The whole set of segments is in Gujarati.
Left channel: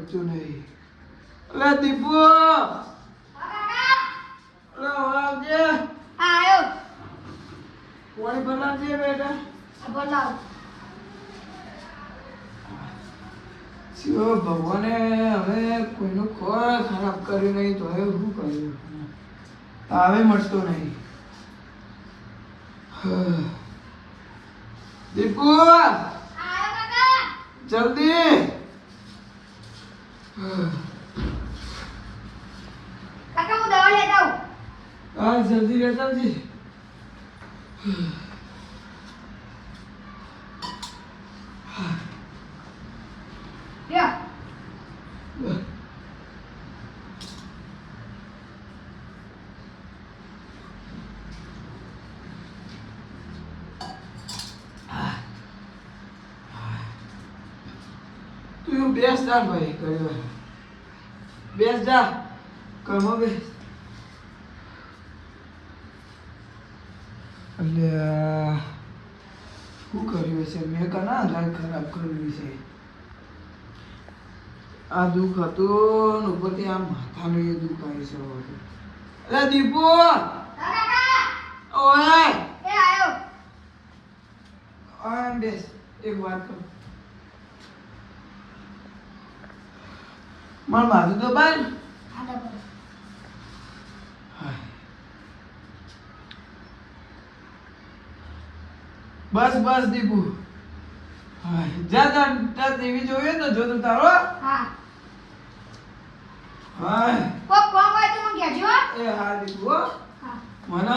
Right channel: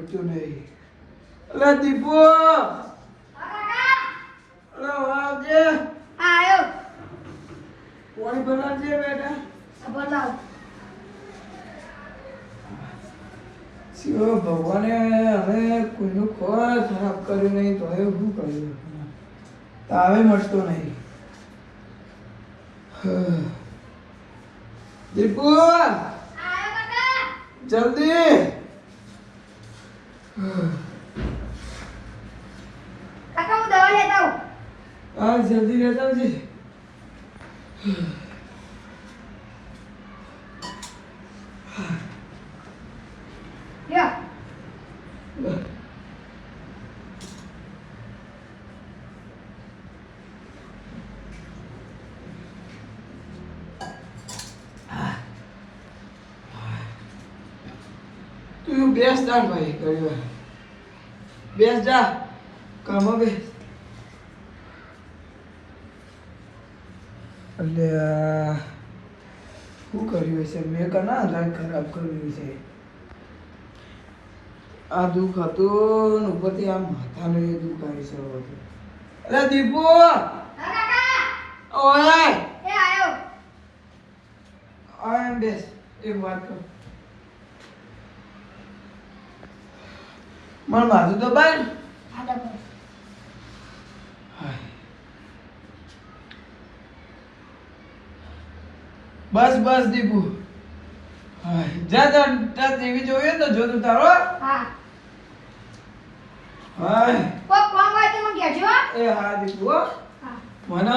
મરતું નહીં. અલે દીપુ અલે આવજે. આયો પાણી બનાવજે બેટા. બોલાવ. શિવ ભગવાને હવે કોઈનું ખોરાક ખરાબ કર્યું નહીં તો હવે શું કર્યું? તાવે મળતો નહીં. દીપુ જલ્દી. કાકા હું દવા લેતા આવું. હા જલ્દી લેતા આવજે. લ્યો. તું બેસ જા ભાઈ ઘડી વાર. બેસ જા કામમાં બે. એટલે શું કર્યું છે મેં કના લાઈન ખરાબ કર્યું છે? આ દુઃખ હતું ને ઉપરથી આ માથાનું એ દુઃખ આવી છે. અરે દીપુ હા કાકા. ઓય એ આયો. ઓય બેસ એક વાત કર. માર માથું તો ભાઈ. આ દબો. બસ બસ દીપુ. જા જા ટીવી જોઈએ તો જો તું તારો. હા. હાય કોક કોમ હોય તો મને કહેજો. એ હા દીપુ હો. હા. મને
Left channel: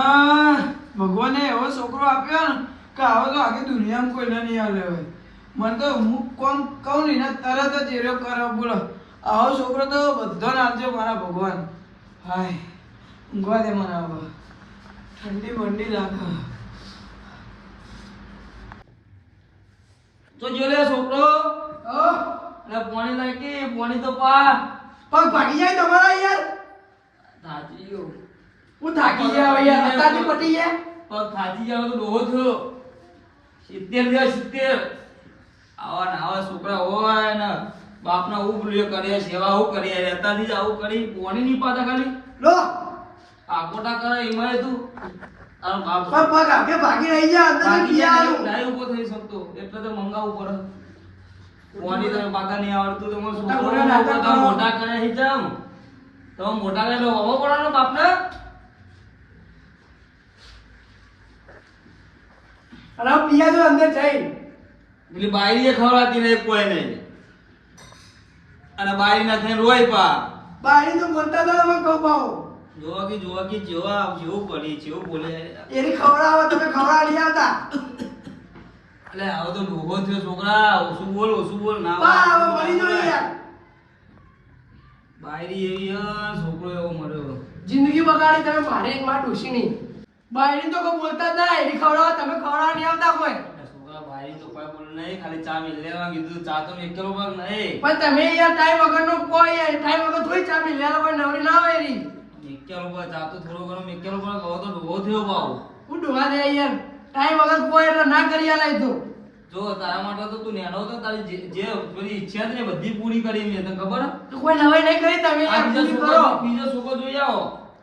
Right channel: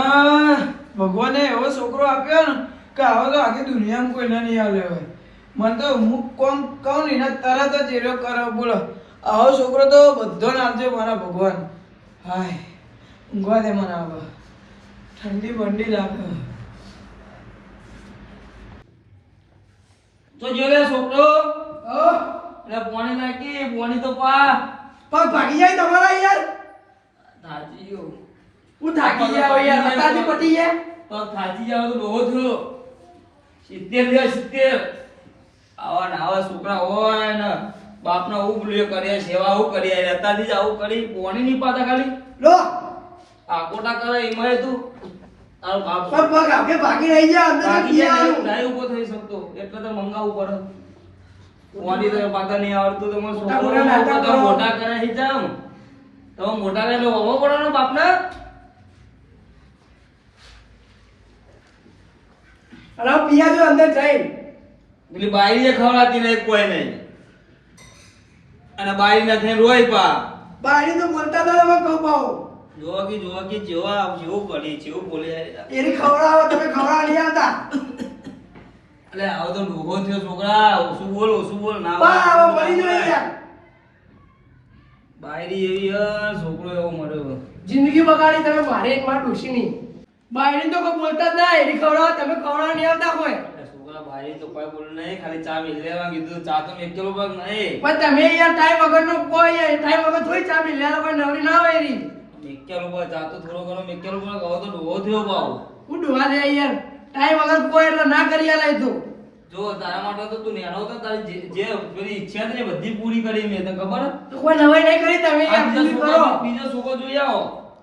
ભગવાને એવો છોકરો આપ્યો ને કે આવો તો આખી દુનિયામાં કોઈને નહીં આલ્યો હોય. મને તો હું કોમ કહું ને એના તરત જ એરો કરે. બોલો આવો છોકરો તો બધો નામજો મારા ભગવાન. હાય ઊંઘવા દે મને હવે. ઠંડી બંડી લાગે. તો જો લે છોકરો ઓ અને પાણી નાખી પાણી તો પા પગ ભાગી જાય તમારા યાર. થાચી ગયો હું થાકી જાવ યાર. અત્યારથી પટી જાય. પગ થાચી જાવ તો બહુ થયો 70 લે 70 આવા ને આવા છોકરા હોય ને બાપના હું ભૂલ્યો કરે સેવા હું કરી અત્યારથી જ આવું કરી પાણી નહીં પાતા ખાલી લો આકોટા કરે એમાં તું તારો બાપ પગ પગ આગે ભાગી રહી જાય અંદર બાકી પિયારું. નહીં ઉભો થઈ શકતો એટલે તો મંગાવવું પડે પાણી તો પાતા નહીં આવડતું તો મને છોકરો મોટા કરે છે જામ તો મોટા કરે એટલે હોવો પડે ને બાપને અરે પિયા જો અંદર જઈ. પેલી બાઈ એ ખવડાતી નહીં કોઈ નહીં અને બાઈ ના થઈને રોય પા બારી તો બોલતા તો તમે કહું પાઉં. જોવા કે જેવા જેવું બોલી જેવું બોલી એની ખવડાવો તમે ખવડાવ નહીં આવતા. એટલે આવો તો ડૂહો થયો છોકરા ઓછું બોલ ના બા હવે મરી જો યાર. બાયરી એવી છોકરો એવો મર્યો જિંદગી બગાડી તમે મારે એક માં ડોશી નહીં. બાયરી તો કોઈ બોલતા જ ના. એની ખવડાવો તમે ખવડાવ નહીં આવતા કોઈ. છોકરા બાયરી તો કોઈ બોલ નહીં ખાલી ચા મિલ લેવા કીધું ચા તો મેં કેલો પગ નહીં પણ તમે યાર ટાઈમ વગરનો કોઈ યાર ટાઈમ વગર થોડી ચા પી લેવા કોઈ નવરી ના હોય એની. મેકેલો પગ ચા તો થોડો ઘણો મેકેલો પગ કહો તો ડૂહો થયો પાવ હું ડોહા દે યાર ટાઈમ વગર કોઈ એટલે ના કરી આલે તું. જો તારા માટે તો તું નેનો હતો તારી જે પેલી ઈચ્છા હતી ને બધી પૂરી કરી મેં તને ખબર તો કોઈ નવાઈ નહીં કરી તમે યાર પૂરી કરો. બીજો છોકરો જોઈ આવો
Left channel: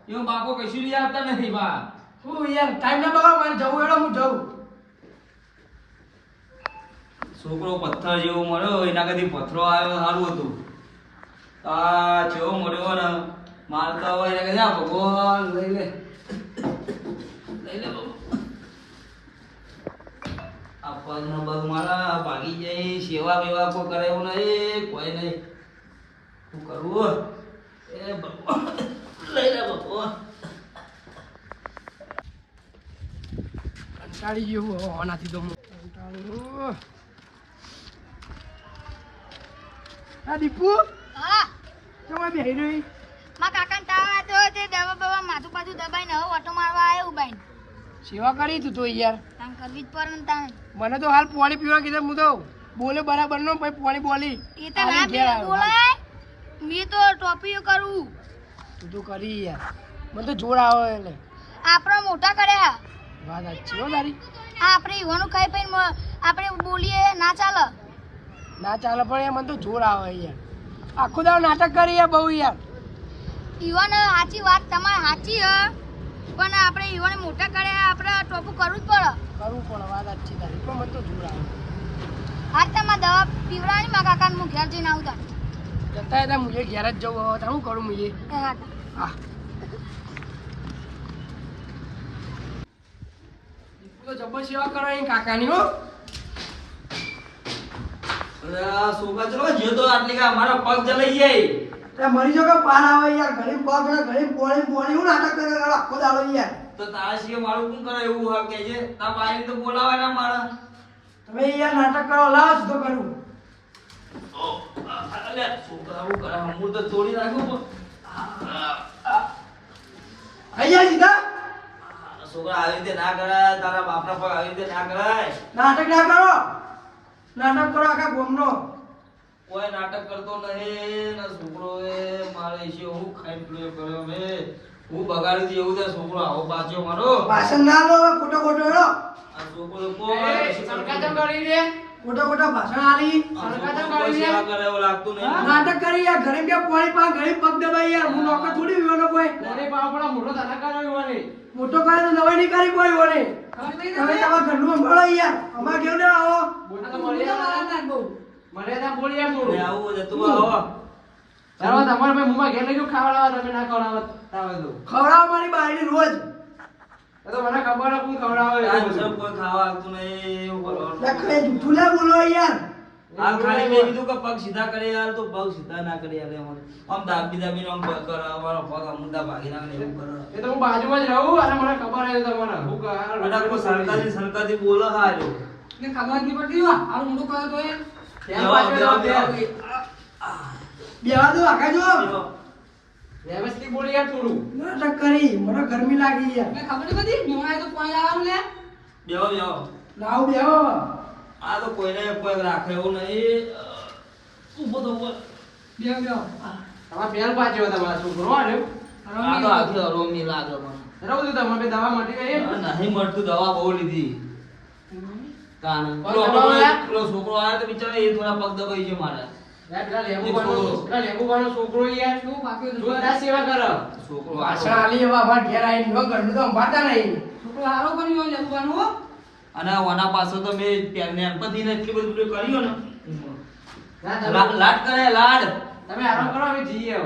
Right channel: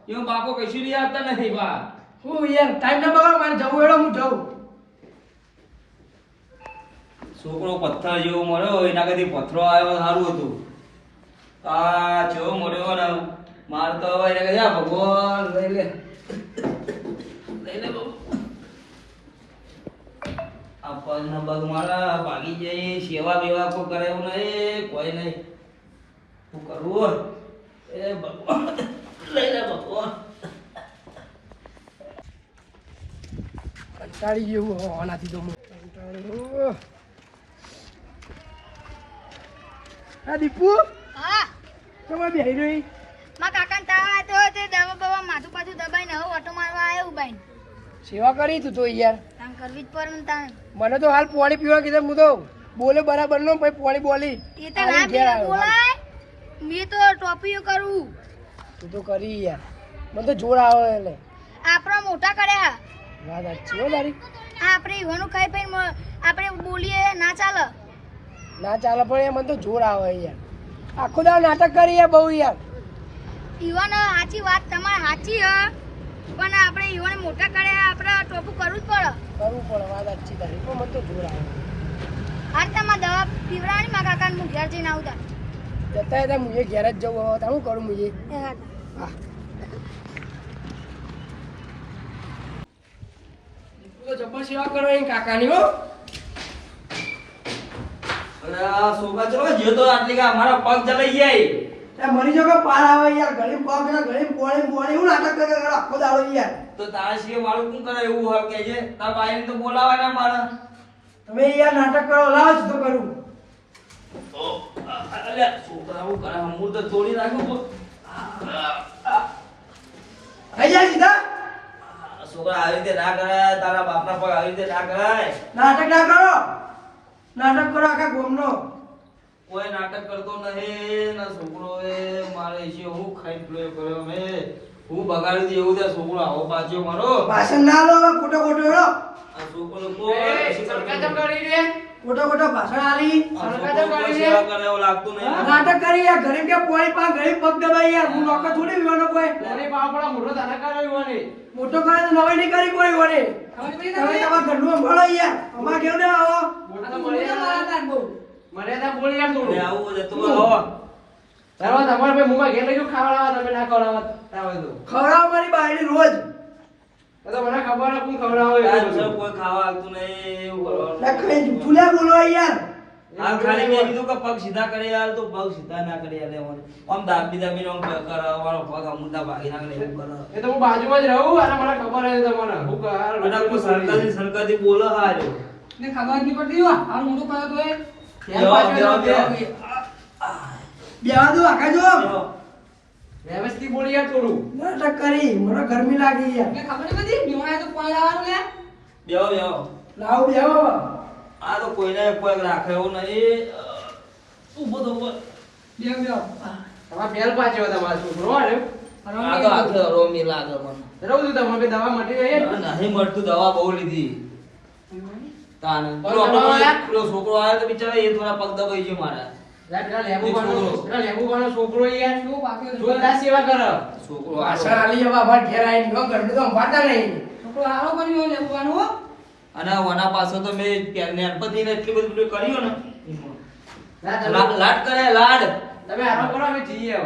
એમાં બાપો કશું લઈ આપતા નથી બા હું યાર ટાઈમ ના બગાડ મારે જવું એડો હું જઉં. છોકરો પથ્થર જેવો મળ્યો એના કદી પથ્થરો આવ્યો સારું હતું આ જેવો મળ્યો ને માર તો હવે યા ભગવાન લઈ લે બહુ આ પગ ને બગ મારા ભાગી જાય સેવા બેવા કોઈ કરે એવું નહીં કોઈ નહીં શું કરવું એ ભગવાન લઈ લે ભગવાન કંટાળી જેવું હોવાનાથી તો હું કંટાળ્યો. આ દીપુ હા. તમે બેહી રહી. માં કાકાને તાવ આવતો હોય તે દવા બવા માથું પાછું દબાઈને હવે ઓટો મારવા આવ્યો ઉબાઈને. સેવા કરી તું તો યાર. કામ કરવી જ પડે ને તાણ. મને તો હાલ પાણી પીવા કીધું હું તો બોલે બરાબર નો પછી પાણી બોલી. એ તો ના ઘેર આવ્યો. બોલાય. મેં તો ટોપીઓ કરું. તું તો કરી યાર. મને તો જોર આવે એટલે. આપણા મોટા કર્યા. વાત સાચી હો તારી. આપણે ઈવાનું ખાઈ પીને આપણે બોલીએ ના ચાલે. ના ચાલે પણ એ મને તો જોર આવે યાર. આખો દાડો નાટક કરી યાર બહુ યાર. ઈવન સાચી વાત તમારી સાચી હ પણ આપણે ઈવન મોટા કરે આપણે ટોપું કરવું જ પડે. કરવું પડે વાત સાચી તારી પણ મને તો જોર આવે. હાલ તમારે દવા પીવડાવવાની મારા કાકાને હું ઘેર જઈને આવતા. જતા હતા મુજે ઘેર જ જવું હવે શું કરું મુજે. એ હા હા તો જબ્બર સેવા કરો એ કાકાની હો. અરે આ છોકરા ચલો જ્યો તો આટલી કે અમારા પગ ચલાઈ જાય. તે મરી જો કે પાર આવે યાર ઘણી પગ ને ઘણી પોણી હું નાટક કરે આખો દાડો યાર. તો તારા સિવાય મારું શું કરે એવું હોય કે છે તારા બાઈને તો બોલાવાના મારા. તમે યાર નાટક કરો લાવ જ તો કરું. અલ્યા છોકરા હું કરે હું તો તોડી નાખું આઈ જા સીધા. છોકરા આવી રીતે ના કરાય તારા બાપના પગ આવી રીતે ના કરાય. નાટક ના કરો. નાટક કરો આખા ગોમનો. કોઈ નાટક કરતો નહીં ને છોકરો એ મારે ઈશે હું ખાઈ કર્યો મે હું બગાડી દી એવું તે છોકરો આવો પાછો મારો. ભાષણ ના લો ખોટો ખોટો હેડો. આ છોકરો કોઈ સરકાજમ કરી દે. ખોટો ખોટો ભાષણ આલી. કોઈ સેવા કરે એવું લાગતું નહીં. નાટક કરી યાર ઘણી કે પોણી પા ઘણી પગ દબાઈ યાર હું નોકર થોડી વિવાનો કોઈ. અરે બાપડા મોટો ધનાકાર આવ્યો ને. મોટો કરે તો નવાઈ નહીં કરી કોઈ વડે. હવે તમારા ઘરનું સંભાળો યાર. અમાર કેવું ના આવો. મોટા તો મર્યાદા બહુ. મર્યાદા બોલ યાર થોડું. લે આવું જતું આવો. તારો તમારે ભાઈ મુમાં ઘેર લઈ જો ખાવડાવા તમે ના ખવડાવા તાવે તો. ખવડાવ મારી બાયડી રોજ. એ તો મને ખબર નથી કોણ ખવડાવે આ એવું. સર કોઈ ખાવા આવતું નહીં એવું કરવાનું. લખાઈ જૂઠું ના બોલો યાર. આ ખાલી મેં કીધું કે પગ સીધા કરી આલ તો પગ સીધા ના કરી આલે મને. આમ દાબી દાબીને આમ કરાવવાનો પગ અમુદા ભાગી નાખે એવું કરે. એ તો હું બાજુમાં જ રહું અને મને ખબર છે તમને હું અને કોઈ સરકારી બોલો હાજો. ને ખબર નહીં પડતી હો આ મોટું કરે તો એ બેવા દો આખા જો. વ્યવસ્થિત બોલ યાર થોડું. નાટક કરી મને ગરમી લાગી યાર. મને ખબર નથી નિવાય તો કોઈ આવવાનું લે. બેહો બેહો. લાવ બેહો. આ તો કોઈને કોઈ રાખે એવું નહીં. ઊભો તો ઊભો. બેવ બેવ તમાર બેલ પાછો તમારો છોકરો ને આ તો આખે રોમી લાગે મને. રહું તું તમારે દવા મટી ગઈ નહીં મળતું દવા બહુ લીધી. તાને પેલો છોકરો આવ્યો તો બિચારો એ થોડા પગ દબાઈ છે મારા. લેબુ છોકરો યાર શું બાકી જોરદાર સેવા કરે છોકરો ભાષણ આલી હવે બાબા ઘેર આવીને જો ઘરનું તો સંભાળતા નહીં. છોકરો હારો બન્યો લેબુ હો અને વના પાસે તો મેં નેનપતિ ને એટલી બધું કર્યું ને લાડ કરે લાડ. તમે હારો કરો અમે જઈએ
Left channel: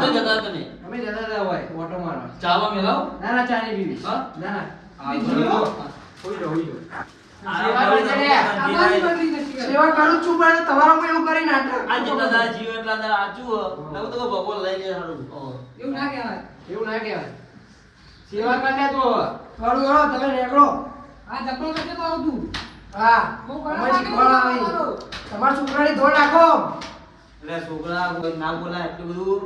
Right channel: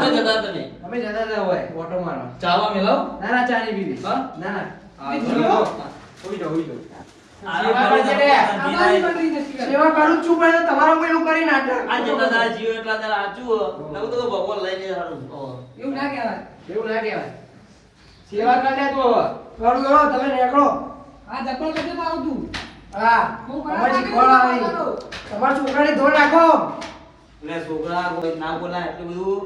તો જતા તમે અમે જતા હતા હોય ઓટો મારવા ચાવા મેલાવ. ના ના ચાની બીવી હા? ના ના હા, તો હોઈ જાઓ હોઈ જાઓ સેવા કરું જ છું પણ તમારા કોઈ એવું કરી નાટક. આ જેટલા દાડા જીવ એટલા દાડા આચું નવ તો ભગવાન લઈ લે હારું. એવું ના કહેવાય સેવા કરે તો કરું કરો તમે નીકળો. આ જપણ કશું મારું તું હા અમારી શીખવાડ આવી. તમારા છોકરાને ધોઈ નાખો. એટલે છોકરા કોઈ ના બોલાય એટલું બધું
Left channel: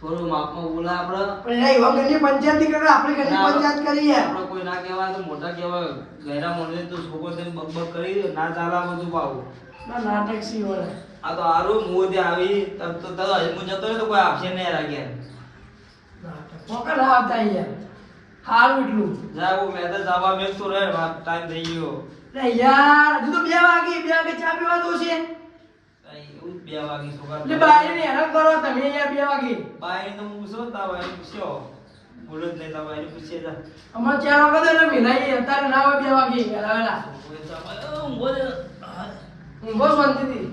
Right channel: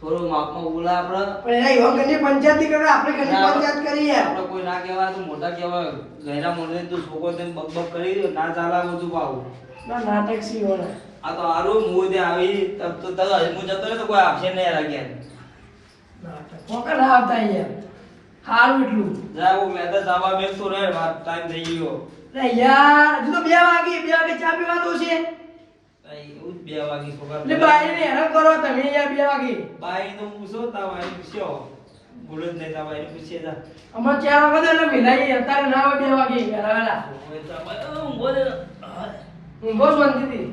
થોડું માપમાં બોલાય આપણે. પણ એના યુવા ઘરની પંચાયત ની કરે આપણે ઘરની પંચાયત કરી યાર. આપણે કોઈ ના કહેવાય તો મોટા કહેવાય. ગહેરા મોઢે તો છોકરો તેમ બકબક કરી દે, ના ચાલા બધું પાવું. ના નાટક સી હોય. આ તો હારું હું ત્યાં આવી તબ તો તરત હું જતો રહ્યો તો કોઈ આપશે નહીં લાગ્યા. નાટક કોકા ના આવતા યાર. હારું એટલું. જા હું મેં તો જવા મેકતો રહે ટાઈમ થઈ ગયો. અરે યાર હજુ તો 2 વાગે ચા પીવા તો છે. એવું જ 2 વાગી છોકરા. એટલે બાઈને હેરાન કરો તમે યાર 2 વાગે. બાઈ તો પૂછો તા બાઈ પૂછ્યો બોલો જ નહીં તા બાઈ પૂછે જા. અમાર 4 વાગે તો એટલે મિલાઈ અત્યારે ના હોય 2 વાગે હેરાના. ઊંઘો શાંતિથી.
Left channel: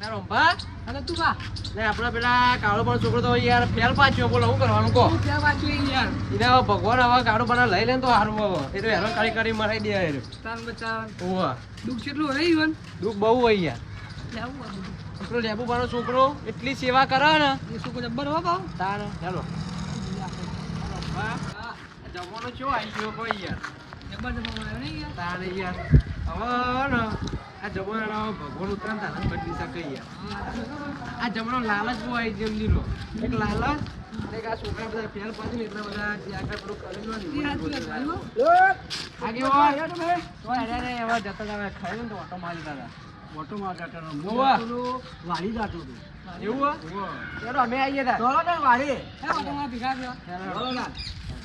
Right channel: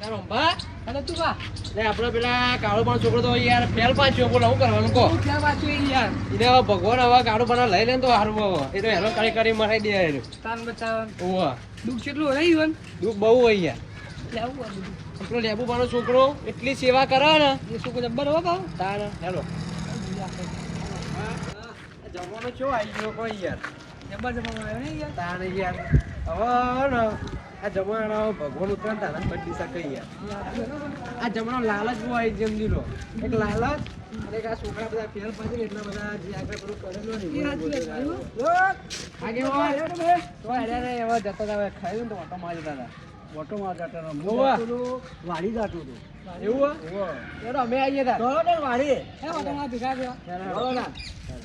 તારો બા અને તું બા લે આપણો પેલા કાળો પણ છોકરો તો યાર ફેલ પાછો બોલો શું કરવાનું કો ફેલ પાછો યાર એને હવે ભગવાન હવે કાળો પણ લઈ લે તો હારું એ તો હેરાન કરી મરાઈ દે યાર તાન બચાવ ઓવા દુખ કેટલું હોય ઈવન દુખ બહુ હોય યાર લેવું આ બધું આપણો લેબુ પાનો છોકરો એટલી સેવા કરે ને એ છોકરો જબ્બર હો બાવ તાન હેલો જમવાનો ચો આવી ગયો કોઈ યાર જબ્બર જમવાનો આવ્યો ને યાર તાન યાર હવે ને આ જમાનો ભગવાન ઉતરાણ તારા બદલી શકે યાર આ જમાનો લાલચ બહુ આવી જેમ લીલો એક લાલચ અને એક આ છોકરા બધા ફેલ પાછી ને એટલા બધા જે આગળ પેલું કરેલું ને તો અરે એવા જતા હતા ખાયું ને તો ઓટો મારી જતા હતા ઓટો મારતા હતા વાડી જતું હતું એવું ચાલો અમે આવીએ હતા ચલો ને વાડી ઓટો માં ભેગા થયા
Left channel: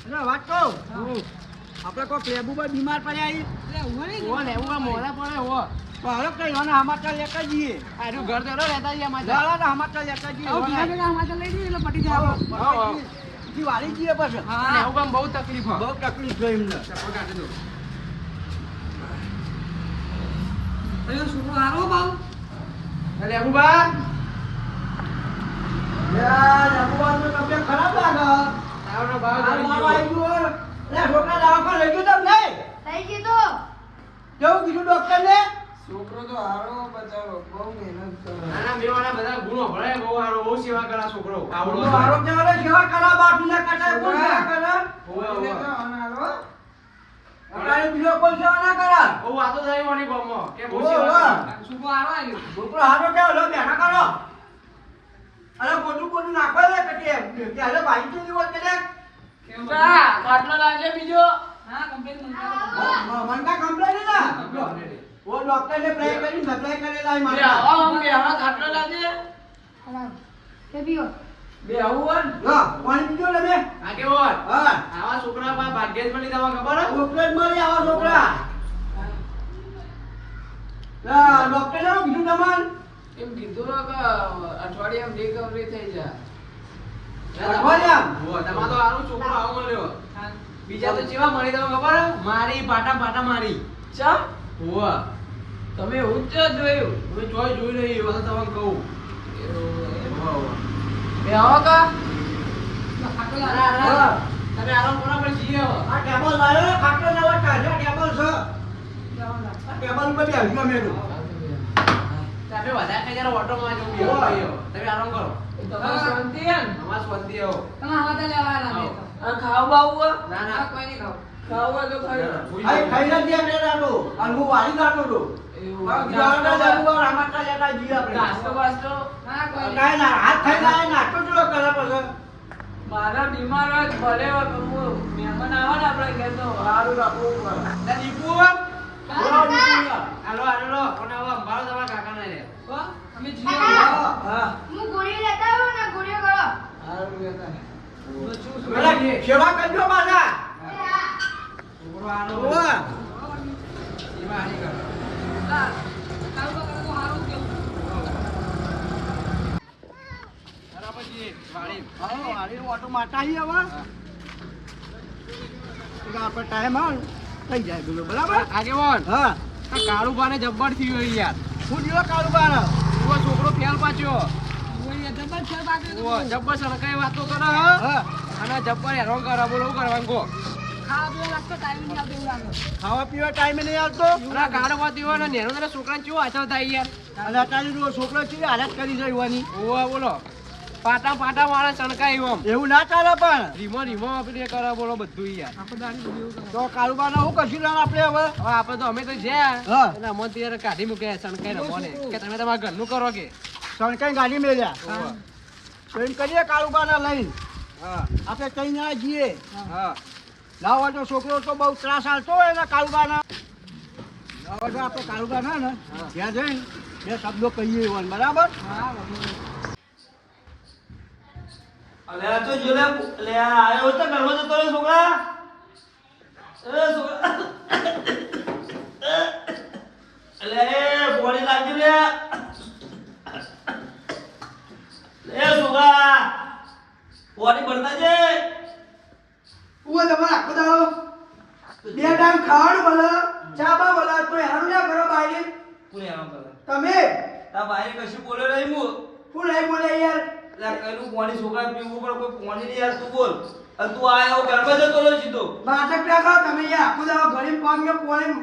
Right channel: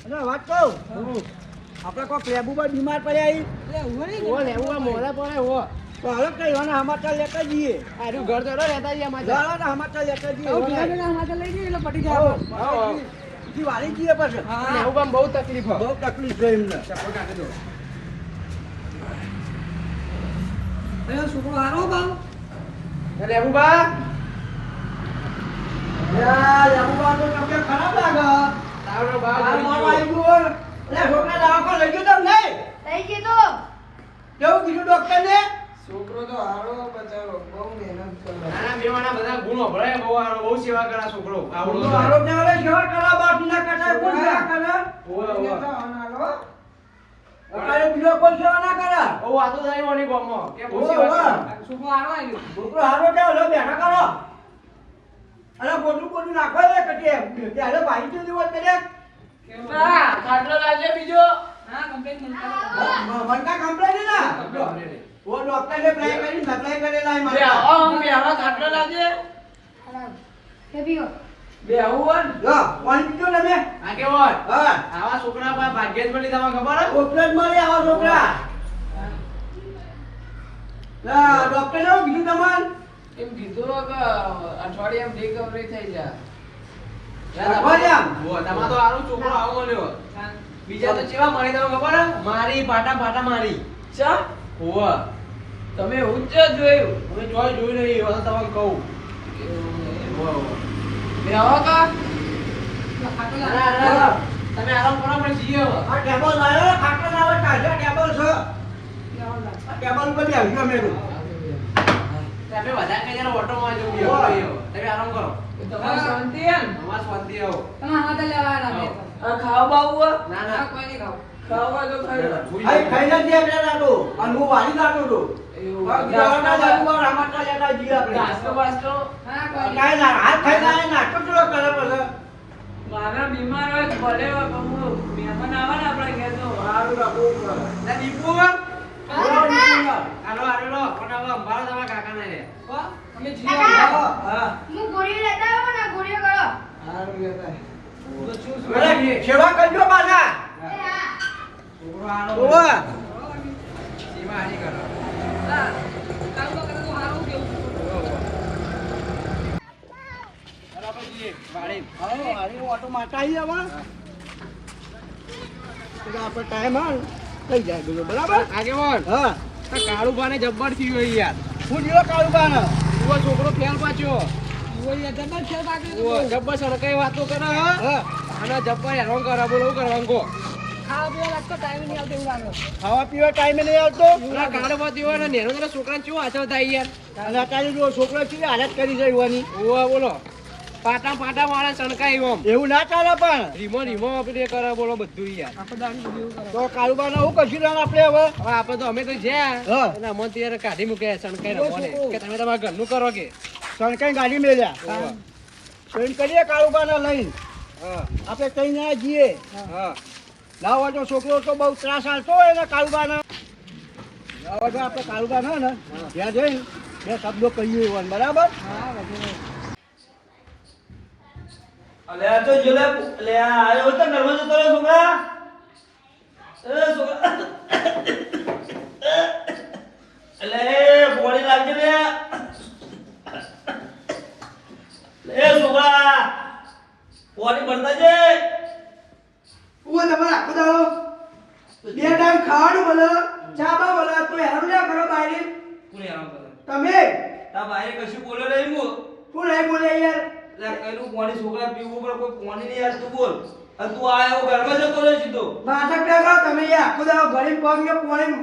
ચલો વાત કહું આપણે કોઈ પ્લેબુ પર બીમાર પડ્યા આવી લેવું મોડા પડે હો તો હવે કઈ હોને સમાચાર લેતા જઈએ આરું ઘર તો રહેતા જઈએ અમારે જાઓ ને સમાચાર લેતા જઈએ આવો ભેગા ભેગા સમાચાર લઈ જઈએ એટલે પટી જાય આપણે. ઈ વાળી જઈએ પછી અને એવું કામ બહુ તકલીફ બહુ તકલીફ ગઈ એમને ચપ્પલ કાઢી દો. છોકરો હારો બાલ એટલે અબુબા યાર અમુક તો તમને ખરાબ લાગે તાવનો બાપ આ થઈ મારો ગયો. આવી ગયો લે છોકરા દવાખાને લઈ ગયો તમને થઈ ગયું તો કેવું કીધું ડોક્ટર ને છોકરો તો હારો બચારો બહુ મહેનત કરે નાના બેવાના બધા ગુણો ભળે બહુ હારો બહુ સેવા કરા છોકરો આવડો તો આરોગ્ય વાળા સેવા કરવા બાપુને કટાય કોણ સેવા કરે ઓવે ઓવે અત્યારે બીજો કોઈ સેવા ના કરે ઓ વાતો જાય ઓની બોમો કે બહુ ઓવે, સેવા ઓવે. કરા છોકરો હારો આવ્યો. છોકરો હારો કેવો લો બેઠા કરો અરે બોલું બોલું નાખો લે કટે ત્યારે ભાઈ તો દિવસ પેલે ખાટલો લાવજે બીજો. મનકા કમ્પ્લેન ને ઓ ડોક્ટર ને પ્રાય કરી સપ્લાય કરેલા બે મારે આવો આમ બે આવો ખાટલો લાવજે. તે પીઓ બે આવું હોય ને. જો પાણી પીજો ને બે આગેવાન, હા આવા છોકરા પાસે ભાગ્ય જ મળી તમને ખબર હે? છોકરા જ મળી આવા છોકરા લા ડોક્ટર ને કીધું તમાર એમ કીધું કે અઠવાડિયામાં રિકવરી થઈ જાય અઠવાડિયામાં? જો, તમારે તો હારું છોકરો આવો મળ્યો. બીજા તો ચેવા મારી તમને ખબર હે? મારી પાટા પાટા મારી. ચા હોવે. તમે એવું જ જોયું હવે જોઈ જોઈ નહીં એ વખત તમને કહું. હોવે, હોવે. એ આવો કા ના, ના, ના. તમે આરામ કરો આપણે જઈએ હવે. આ ટેબલ લાવ્યો ખાટલો ના હોય કાઢ્યો ટેબલ છે આ ટેબલ ઉપર બેસજો મેં તમે વધારે કઈ જરા ઓટોમાં જવું બેહો. તમે આરામ કરો. તમારી શાંતિ હે ને અમાર શાંતિ આવો. આવો. આ ખાવા બાવું ના ના ખાવા તો ખાઈ આઈ ખાઈને જ આપણે નાખો અને હું વાળી નાખો તો ગાવના જાવું રામાટા લેતા જઈએ આપણે નાસ્તો બાસ્તો કાઈ ના હાથ ખાઈને આય નાખો તો કરે પછી મારા બીમાર હોય તો ભલે હોય તો હું મહેમાન આવે ને આપણે ઘેર તો સારું રાખવું પડે ના દીપુ બોલો નીકળ્યા. હાલો હાલો કોને હવે અંબાડો તમારા કાકાને રે. અમે કાકા. હા હું ગોળીઓ લેતા આવો ને ગોળીઓ કરો સારું લેતા અરે સેવા કરજો પાછા છોકરો હાલો. ઓવા સેવા હારી કરો. હાલો આપણે જઈએ. વાળી. હાલો હાલી ઓટો મારતા આવીએ હવે તો આપણે ટાઈમ આવે ને થઈ જાય બોલો બરાબર આગેવાન, હા આ કાળુભાને જબ્બર થયું હોય યાર. હું જીવો કાળું બાનો ઉવો છોકરો ફેલ પાછો. જબર જબ્બર સરકારી વાતો કરે હે. હા અને જબ્બર હેરાન કરે બોલો શું કરવાનું કહો. ખાવા પીવા ટાઈમે નહીં આવતો પેલા કાળુભા દીવા ને નેનો તારા છોકરાને કેવો આચર થાય યાર. અને અત્યારે જો છોકરો છે હાલત કરી છે યુવાની ઉવો બોલો પાટા પાટા વાળા સણકાઈ ઓમ. એવું ના ચાલે પણ રીમો રીમો આપણે કરે બોલો બધું યાર. તો કાળુબાના હું કશું ના આપણે હવે હવે આપણે તો અમે તો જ્યાં હા. એના મન તો યાર કાઢી મૂકે સણકાઈ રમોને કે તમે તમારા ઘરનું કરો કે. સણકાઈ ગાડી મેલ્યા તો એમ કરીએ કાળુબાના લઈને હા આપણે કઈ ના જઈએ હા લાવવા તો છોકરો તો બહુ ત્રાસ આલતો હોય ને કાળુબાના લાવવા તો આપણે કાળુબાના ને ત્યાં જઈને બે શબ્દો કહીએ એવાને બરાબર અલે આ તો જો લે આ આયો તો નર્વસ હતો રે છોકરા એ છોકરા અલે બોડી લાગી ને લે છોકરા બોડી બનતા છે ઉવા તમારે આખો દાડો બે ટાઈમ ખાવાનું મળે ચા બા મળે તો હેરાન ના કરો બાઈ કોને આમ કરે તમે તા ભાઈ કશું બોલ્યો નહીં હું શું નહીં બોલે યાર લા કઈનું પાણી છોકરા પીવું પર કોઈ પાણી નહીં યાર તું બોલ અને તું આયો ઘરમાં જતો રહ્યો સીધો નાટક ના કરો તમે યાર આખો દાડો ઘરે પગ્યો પોણી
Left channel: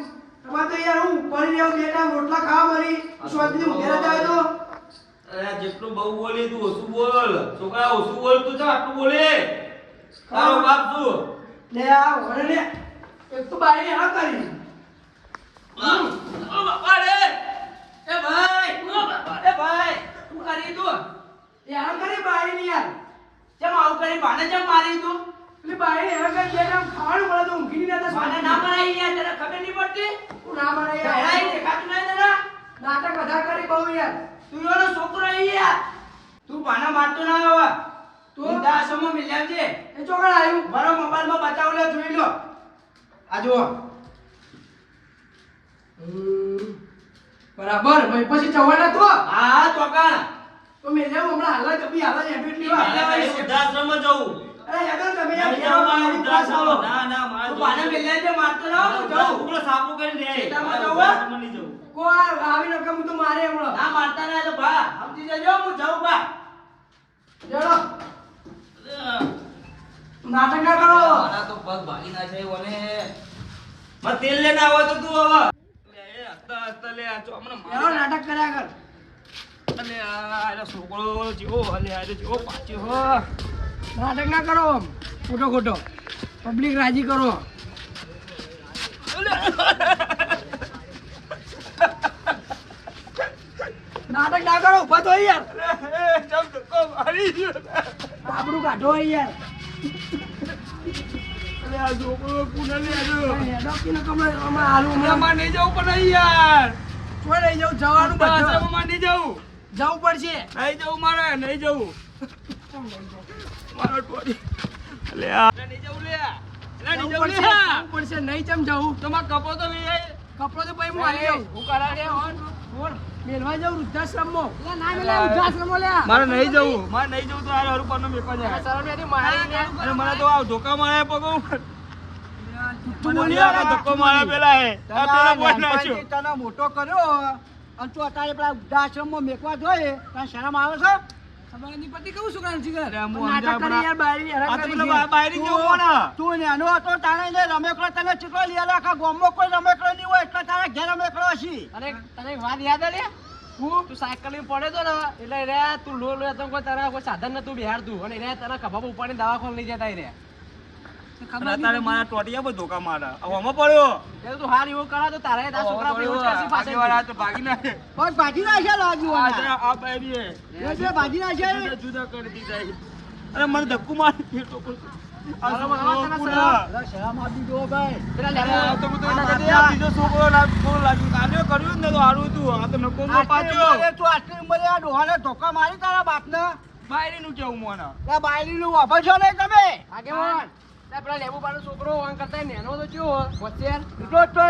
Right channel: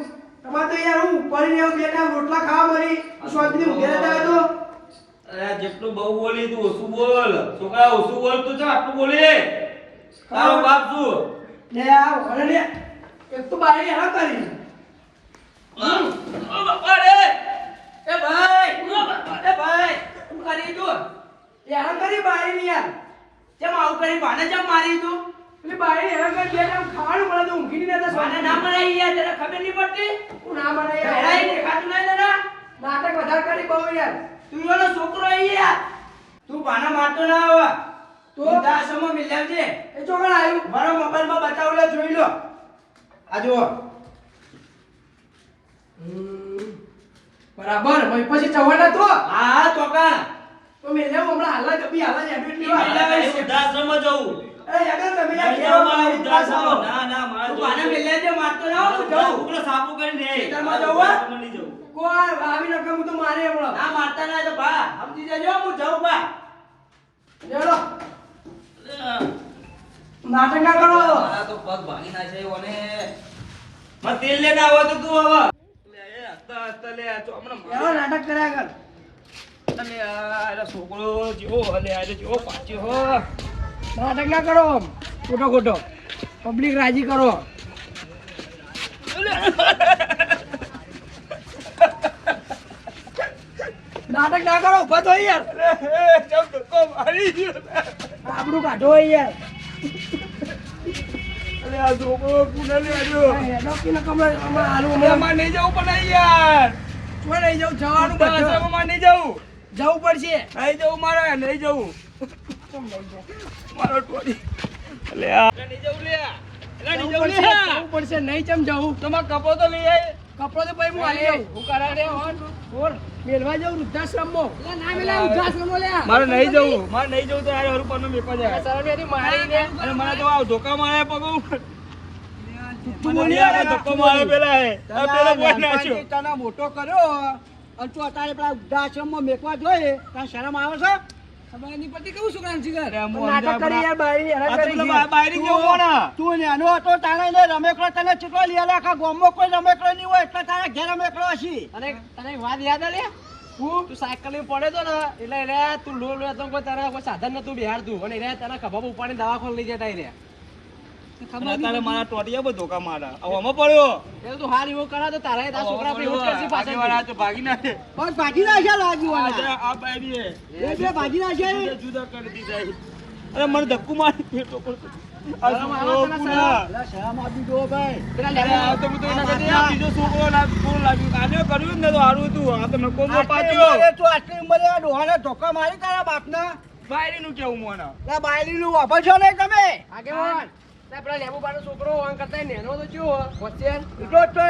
તમારે તો યાર હું પડી ને બે ટાઈમ રોટલા ખાવા મળી સ્વાદની ઊંઘે રહેતા હોય તો અરે જેટલું બહુ બોલી તું ઓછું બોલ છોકરા ઓછું બોલ તું છે આટલું બોલી તારો બાપ શું લે આવ ઘરે લે એક તો બારી હેરાન કરી ઓ બાપા રે એ ભાઈ ઓ બાપા એ ભાઈ શું કરી તું હેરાન કરી બારી ની યાર કેમ આવું કરી બાને કેમ મારી તું પેલી બારી હેરાન કરી બે ટાઈમ ખાવાનું મળે તો ઊંઘી નહીં રહેતા બાને ના મરાઈ યાર તને ખબર નહીં પડતી હું ના મરાઈ યાર હેરાઈ દેખાતું નહીં તને નાટક વધારે કરી બહુ યાર તું એનો છોકરો આવી યાર તું બાના મારતો ના આવે તો દાસમો મિલ્યા છે એ ચોકડ આવ્યું મારો મોબાઈલ માં બતાવો લે જોઈ લો આ જુઓ બરાબર ભાઈ પછી જવાના તો હા ચોકા તો મેલે હમણાં હાલા કભી હાલા એડમિટ લેવા મારે વૃદ્ધાશ્રમમાં જવું એ યાર તમે યાર નહીં કેવો જવું મારે પાસ આવો વૃદ્ધાશ્રમમાં. ના મારે તો જવું. પાના મેલે જે મારતો ના આવો તો જાઉં પેલો સાબુ કરીને દે. ખેતરમાં જવું? વૃદ્ધાશ્રમમાં નહીં જવું. કોઈ આવી રકમ તો મારે હમણાં ના મારતા ના તો ભા સમજી જજો હું જાઉં ભા ચલો નાટક ના કરો મારા તો પગ ભાગી નાખે ઓને માં તેલ લેને આવો તો તું હવે લે એ હસતા હસતા લે આ તો હમણાં એનો નાટક કર્યા કર અલે આ છોકરો જેવો અલે આ જેવો પાછો હો નાટક ના કરો ખોટો ખોટો પબ્લિક રાજી કરો નાટક ના કરો ઉભા તો યાર ચમ ધક્કો મારી ગયો આપણું કાઢો યાર અલે આ છોકરો કુને લે આજો હેડો કે ન કમળા આમાં આલુ હમણાં માં નહીં જવું પણ યાર કોઈ નહીં જવું જવાનું બધું વૃદ્ધાશ્રમમાં નહીં જવું જવું પડશે નહીં જવું મારે નહીં જવું કેમ નહીં જવું? મારો ટોડી અલે આ નહીં જવું લે અલે નહીં જવું જવું પડશે લે જવું પડશે નહીં ચમ જવું તમાર કપો તો લઈ આય કપડો તો ભાઈ હું આલી જાઉં હું કરાડે બોલ મેલવા જાઉં વૃદ્ધાશ્રમમાં લે ના મેલા વૃદ્ધાશ્રમમાં લે મારે નહીં જવું મારે નહીં જવું તો યાર હરું પરનો મેકો જાય સરળેથી મારી લે અને મને તો આ ધોકા મારે પગો તું મને યાર આ ધક્કો મારે પેલા હે આ પેલા બોય નાખ્યો તને મોટો કર્યો અને તું અત્યારે પેલા વૃદ્ધાશ્રમમાં મેકવા જોઈએ તને શરમ આવે છે ખબર નહીં પડતી કેવું છોકરાનું જીગર અરે હું નાટક અંદર કરી યાર બારી હેરાન આ તો કરી પેલા બાયરી કેવું કોણ તું નેનો હતો તારે ને રમેકડો તને ચીકલો લઈ આલે આખા ગામમાં કોઈ રમેકડો નહીં હોય એટલે તારા ઘેર રમેકડો હશી અને તને એક વાત યાદ આલે તું સાયકલ લઈને પડે તો ને એટલે રે તું લો લો તો કોઈ તારા કોઈ સાધન નતું બિહારતું અને રે તને ખભા ઉપાડીને દવાખાને લઈ જતા રે અને અત્યારે મારા ટોટિયા પર ધોકા મારા હવે આમાં પડ્યો એટલે તું હાલ એવો કરા તો તારે તારા છોકરા પર એવું જ કરશી પાછળ આગેવાળા તો ભાગી નાખે પગ ભાગી નાખ્યા લાગ્યું આ આને. આ બાયરી હે એ બે ભાગી નાખ્યા જુદા જુદા કરી દીધા અરે મને ધક્કુ મારી દીધો આ શરમ આવે છોકરો તને પુના. અલા શરમ આપી દો ભાઈ પેલા અરે લેવા આ તો હું તો એના કરતા આ બીજો છોકરો લાગ્યું આને કર્યું ને તો સારું હતું આ તો નકો મો આટલી પાછો ઉંમરે તું આટલી ઉંમરે આ ડોહાને ધોકા મારી તારા બાપને બાયરીનું કેવું મને લા બાયલીનું વાપરશો નહીં તમે આગેવાન તે પેલા લેબુબાનો છોકરો વાંક કરતા નેનો તો કેવો હોશિયાર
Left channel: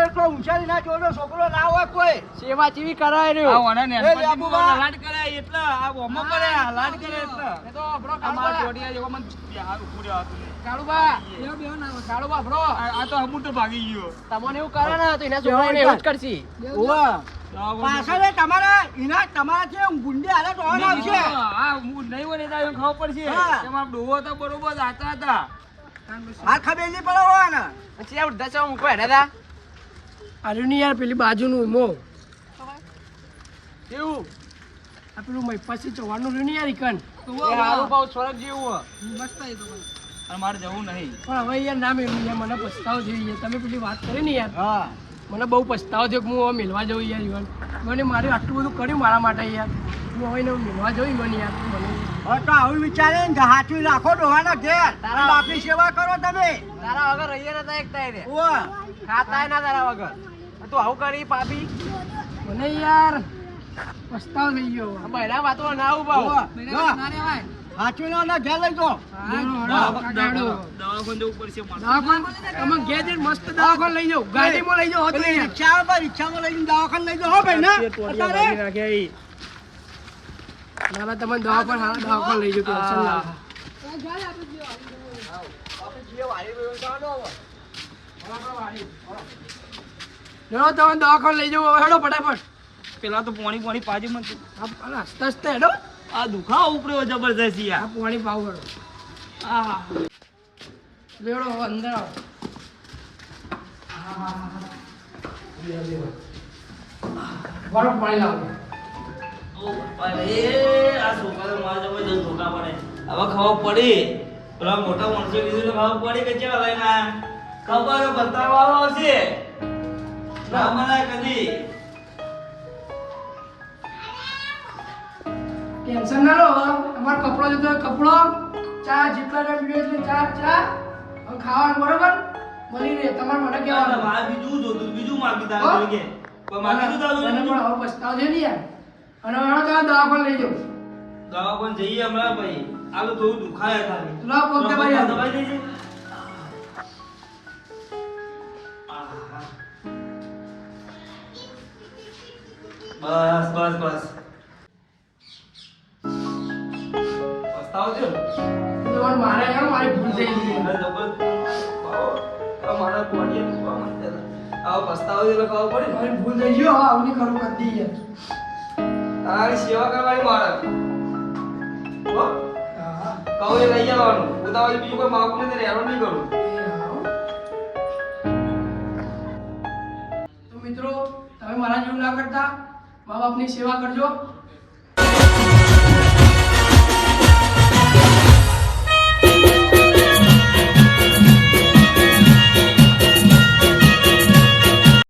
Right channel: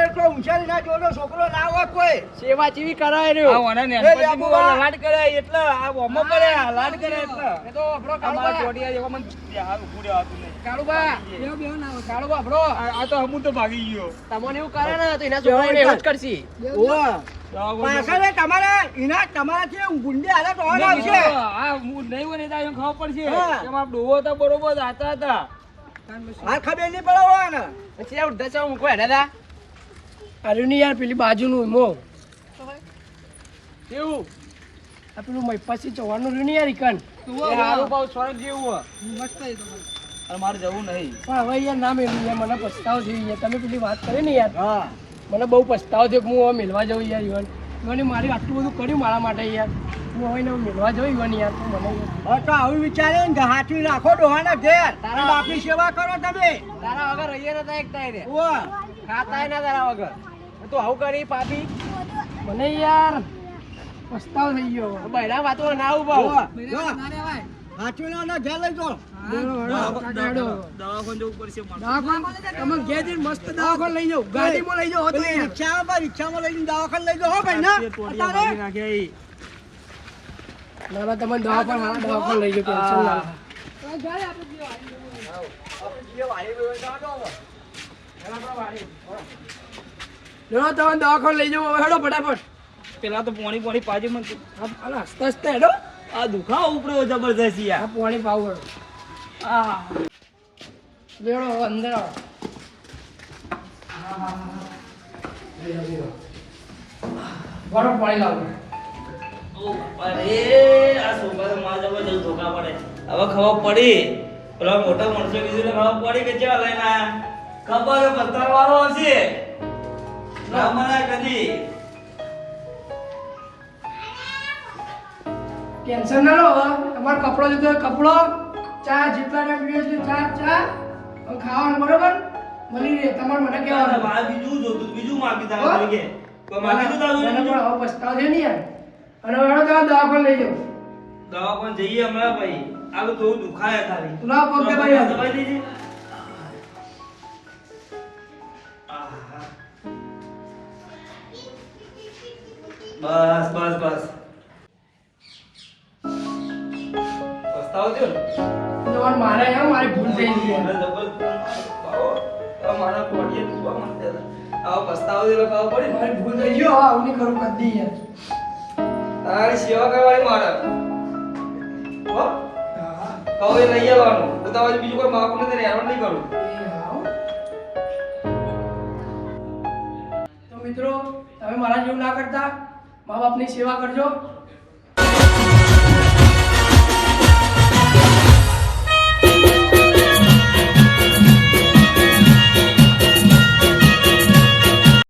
એટલો ઊંચાઈ ના જોડો છોકરો ના હોય કોઈ સેવા જેવી કરાય આ રહ્યો ઓને ને એ પછી લેબુબા. હું લાડ કરાય એટલે આ ઓમો કરે લાડ કરે એટલે એ તો આપણો આ મારા કાળુબા ટોટિયા જેવો મને હાલ ઉભું રહેવાતું નહીં કાળુબા બેહો ના કાળુબા આપણો આ તો હમું તો ભાગી ગયો તમને એવું કરે ને તો એના છોકરાને એવું જ કરશી પાછળ તમારા એના તમારાથી ગુંડી હાલત હોવા આવશે આ હું નહીં હોય ને તો એને ખબર પડશે હા. કે મારા ડોહો હતા બરોબર જાતા હતા હાલ ખબર નહીં પડે હોય ને પછી વૃદ્ધાશ્રમ મૂકો હેડા તા અરે નહીં યાર પેલી બાજુનું મો કેવું આ પેલું મૈપાસી ચવાણનું રહ્યું ને યાર ઈકન એ હારું પાઉં સ્વર્ગ જેવું મસ્ત એ તો અને મારે જવું નહીં પણ હવે યાર ના મેળવું યાર મને પછતાવો થયો યાર તમે પેલી વાત કરી ને યાર મને બહુ પછતાવો થયો કે હું હવે મેળવા જાઉં યાર ઈવન મને મારે આટલું બધું કર્યું મારા માટે યાર હું હવે એને મેળવા જાઉં ઈવન યાર તો મને હવે તો આવું વિચારે ને હાચવી રાખો ડોહાના ઘેર અને બાપની સેવા કરો તમે તારા વગર રહીએ નતા એક તાઈ રે ઓ ખાતાય ના તારા વગર તું આવું કરી પાપી મને યાર પછતાવો થઈ ગયો બહેરા વાતો ના આવું પાઉં હાચવી લો ને ઘેર લઈ જાઓ દવાખાને જવું પડશે મારે. તમે ઘેર જઈને મસ્ત દવાખાને લઈ જાઓ ગાડીમાં લઈ જાઓ રિક્ષામાં લઈ જઈને દવાખાને લઈ જાઓ હો ભાઈ ના અત્યારે ના ના તમે દવાખાને લઈ જાઓ ટેન્શન ના લો તમે દવાખાને લઈ જાઓ હેડો ફટાફટ પેલા તો પોણી પાજી મને હસતા હસતા હેડો આ દુખાવો ઉપડ્યો જબરજસ્ત યાર આ પાણી પાવ હેડો આ લેડો હવે અંદર આવો વાળો પાણી લાવો અરે આ છોકરા તો મારા જબરજસ્ત ધોકા પડે હવે ખબર પડી પેલા મોટા માણસો કીધું તો ખબર પડી કે ચા લઈને આયા ખબર બતાવવાનો હશે ના મને કદી ટેન્શન ના લો હવે તમારો કપડો જોતો હોય કપડો ચા જેટલા ટાઈમ પીવે છે ચા ચા હવે ખાવાનું બરોબર મળી રહે તમારે મને કહેવાનું મારે બીજું જોતું બીજું માંગી હો? તારા તરીકે કોઈ માંગી તું તારું મને બીજું? પણ હવે પછતાવો છે ને યાર અને હવે તમે દવાખાને લઈ જાઓ દવાખાને જઈએ હમણાં ભાઈ આ તો થોડું દુખાય ખાલી તું લાવો પગ દબાઈ દવાઈ દેજે બસ બસ બસ પસ્તાવો થયો ને? તમારે મારે જાવ મારી ભૂલ થઈ ગઈ મને જબર બાવો, આ મારા કોડીએ ડૂબવા માંડ્યા હતા. આવો પસ્તાવો થયો ખાવો પડે ને. મારી ભૂલ થઈ ગઈ હો આવું નહીં કરું કદી યાર તારી સેવા કરવાની મારે હો હા કહું એ લઈ જવાનું ઉતાવળ બીજું કોઈ માપું નથી રહેવાનું નહીં કરું તો મિત્રો તમે મારા જેવું ના કરતા મા બાપની સેવા કરજો